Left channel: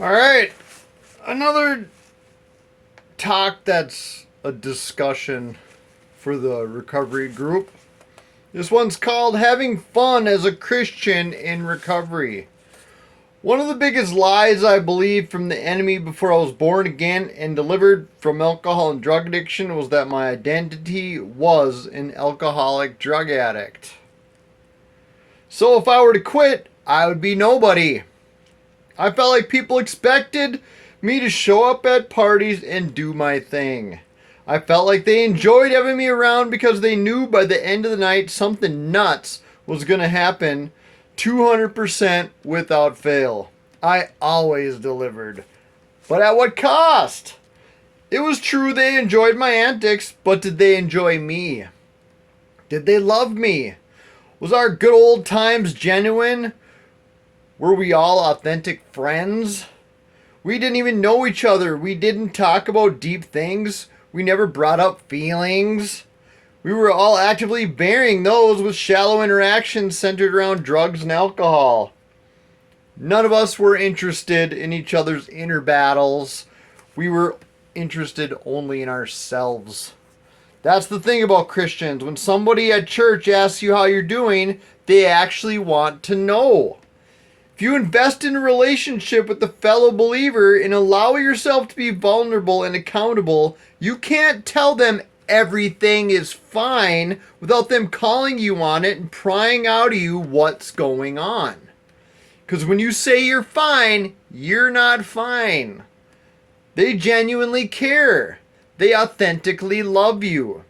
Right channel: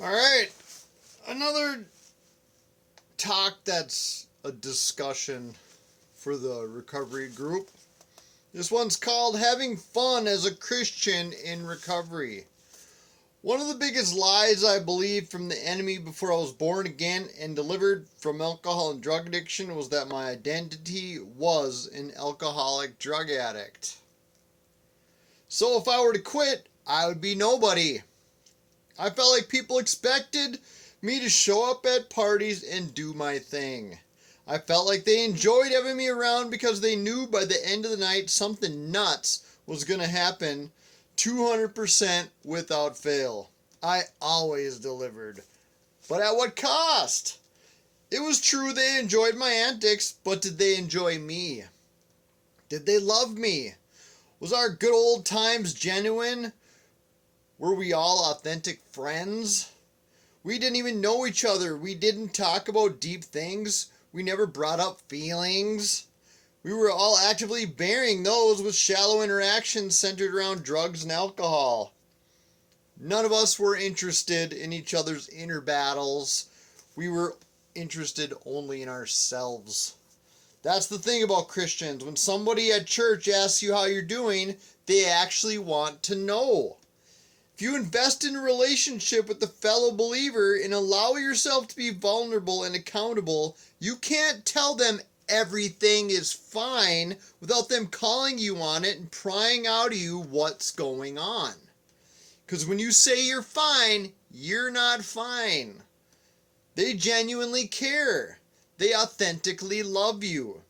All right, another talk that's a discussion for the recovery group. This one's called Having Fun as a Christian in Recovery. One of the biggest lies I believed from the enemy before I was born again and delivered from alcohol and drug addiction was that my identity was an alcoholic drug addict. So if I were to quit, I would be nobody. I felt like people expected me to show up at parties and do my thing. I felt like they enjoyed having me around because they knew by the end of the night something nuts was going to happen 200% without fail. I always delivered. But at what cost? It was true they enjoyed my antics, but did they enjoy me? Did they love me? Was our good old times genuine? Were we all authentic friends? We didn't even know each other. We didn't talk about deep things. We never brought up feelings. We were all actively burying those with shallow interactions centered around drugs and alcohol. None of us were interested in each other's inner battles. We were interested only in ourselves. That's the thing about Christians. When somebody at church asks you how you're doing, they actually want to know. If you invest in a relationship with a fellow believer and allow yourself to be vulnerable and accountable, you can't tell them everything is fine without them calling you on it and prying out of you what's going on. Because when you say you're fine, you're not fine. They genuinely care. They authentically love you.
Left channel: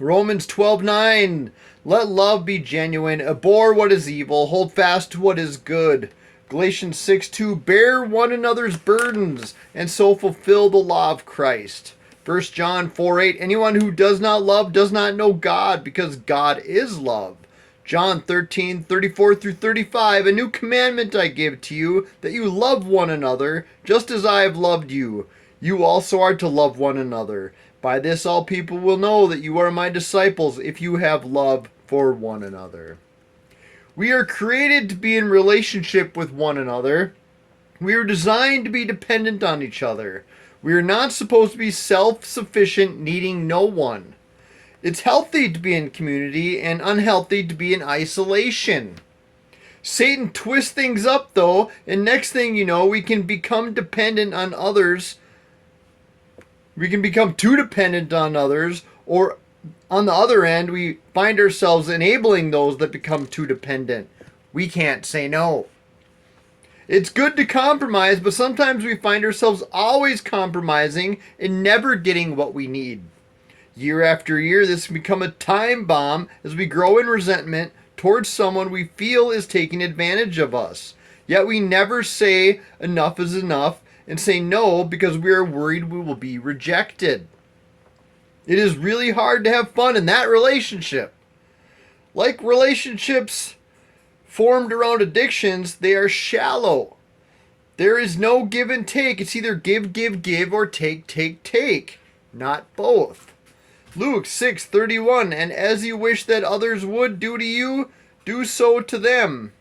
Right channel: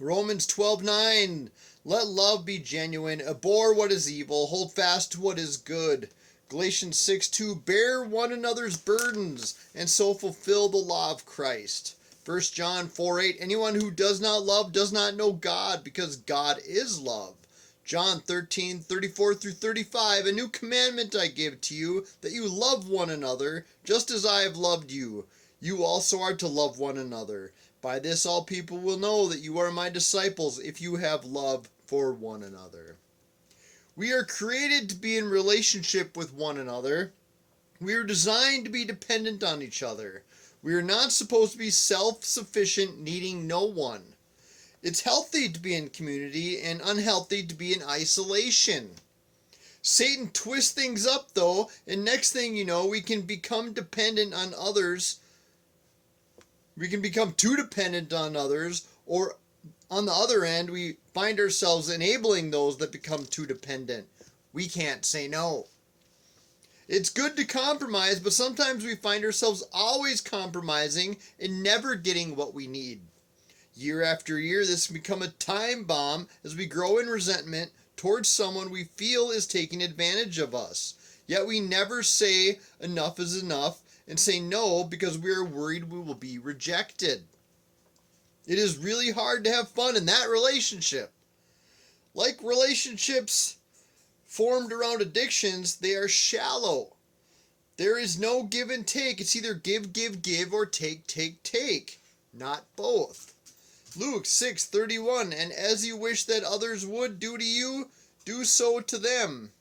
Romans 12:9. Let love be genuine. Abhor what is evil. Hold fast to what is good. Galatians 6:2. Bear one another's burdens and so fulfill the law of Christ. 1 John 4:8. Anyone who does not love does not know God because God is love. John 13:34 through 35. A new commandment I give to you, that you love one another, just as I have loved you. You also are to love one another. By this all people will know that you are my disciples, if you have love for one another. We are created to be in relationship with one another. We are designed to be dependent on each other. We are not supposed to be self-sufficient, needing no one. It's healthy to be in community and unhealthy to be in isolation. Satan twists things up though, and next thing you know, we can become dependent on others. We can become too dependent on others, or on the other end, we find ourselves enabling those that become too dependent. We can't say no. It's good to compromise, but sometimes we find ourselves always compromising and never getting what we need. Year after year, this can become a time bomb as we grow in resentment towards someone we feel is taking advantage of us. Yet we never say enough is enough and say no because we are worried we will be rejected. It is really hard to have fun in that relationship. Like relationships formed around addictions, they are shallow. There is no give and take. It's either give, give, give, or take, take, take. Not both. Luke 6:31. And as you wish that others would do to you, do so to them.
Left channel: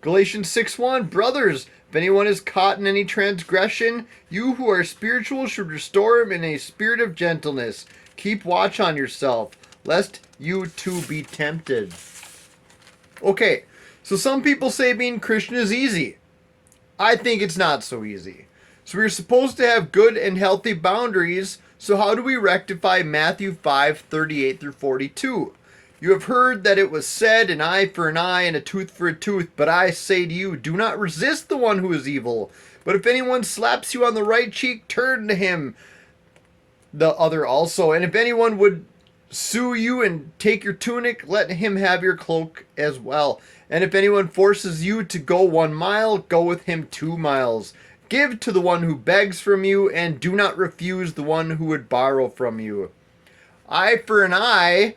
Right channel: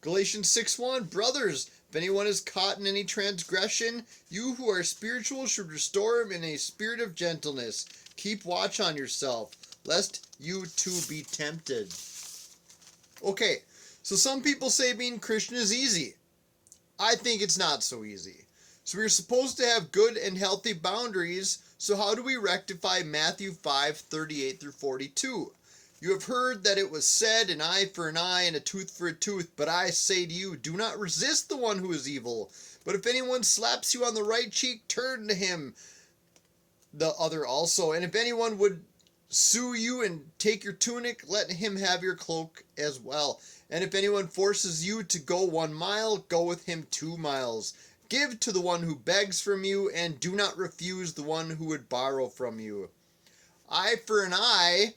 Galatians 6:1. Brothers, if anyone is caught in any transgression, you who are spiritual should restore him in a spirit of gentleness. Keep watch on yourself, lest you too be tempted. Okay, so some people say being Christian is easy. I think it's not so easy. So we're supposed to have good and healthy boundaries. So how do we rectify Matthew 5:38 through 42? You have heard that it was said, an eye for an eye and a tooth for a tooth. But I say to you, do not resist the one who is evil. But if anyone slaps you on the right cheek, turn to him the other also. And if anyone would sue you and take your tunic, let him have your cloak as well. And if anyone forces you to go 1 mile, go with him 2 miles. Give to the one who begs from you, and do not refuse the one who would borrow from you. Eye for an eye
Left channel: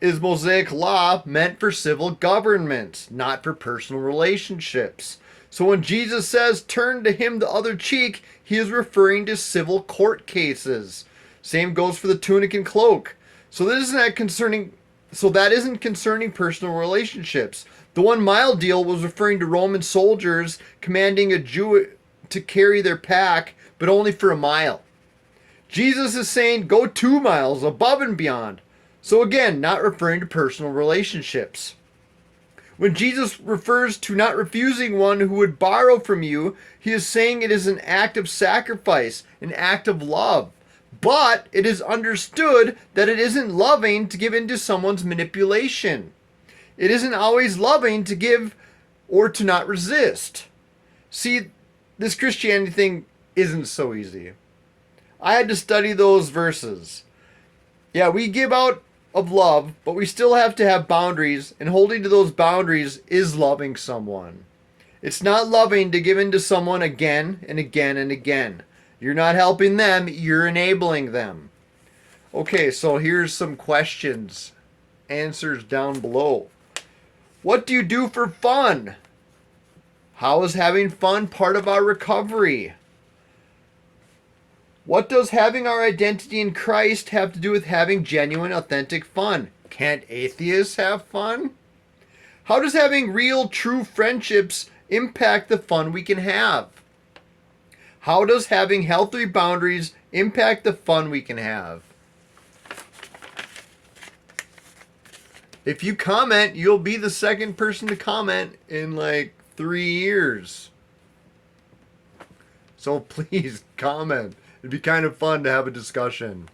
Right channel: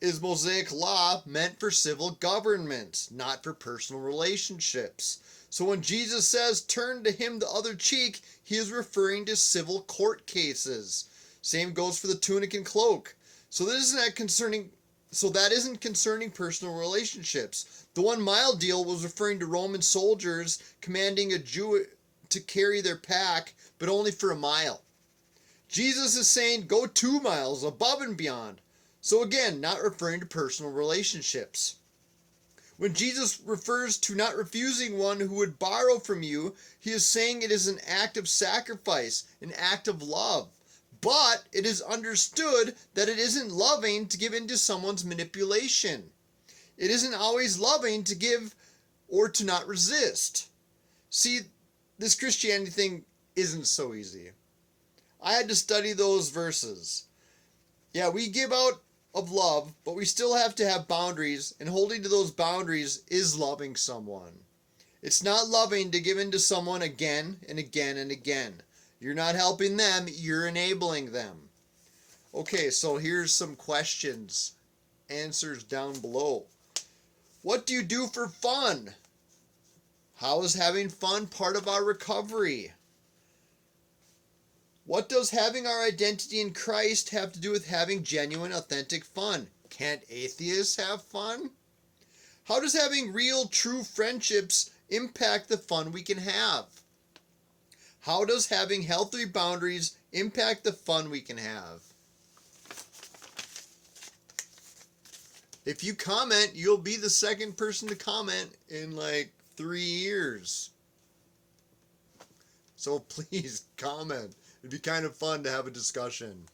is Mosaic law meant for civil governments, not for personal relationships. So when Jesus says turn to him the other cheek, he is referring to civil court cases. Same goes for the tunic and cloak. So this is not concerning So that isn't concerning personal relationships. The 1 mile deal was referring to Roman soldiers commanding a Jew to carry their pack, but only for a mile. Jesus is saying go 2 miles above and beyond. So again, not referring to personal relationships. When Jesus refers to not refusing one who would borrow from you, he is saying it is an act of sacrifice, an act of love. But it is understood that it isn't loving to give in to someone's manipulation. It isn't always loving to give or to not resist. See, this Christianity thing isn't so easy. I had to study those verses. Yeah, we give out of love, but we still have to have boundaries, and holding to those boundaries is loving someone. It's not loving to give in to someone again and again and again. You're not helping them, you're enabling them. Okay, so here's some questions. Answers down below. What do you do for fun? How is having fun part of our recovery? What does having our identity in Christ have to do with having genuine, authentic fun? Can't atheists have fun? How does having real, true friendships impact the fun we can have? How does having healthy boundaries impact the fun we can have? If you comment, you'll be the second person to comment in like 3 years. So please comment. It'd be kind of fun to have a discussion.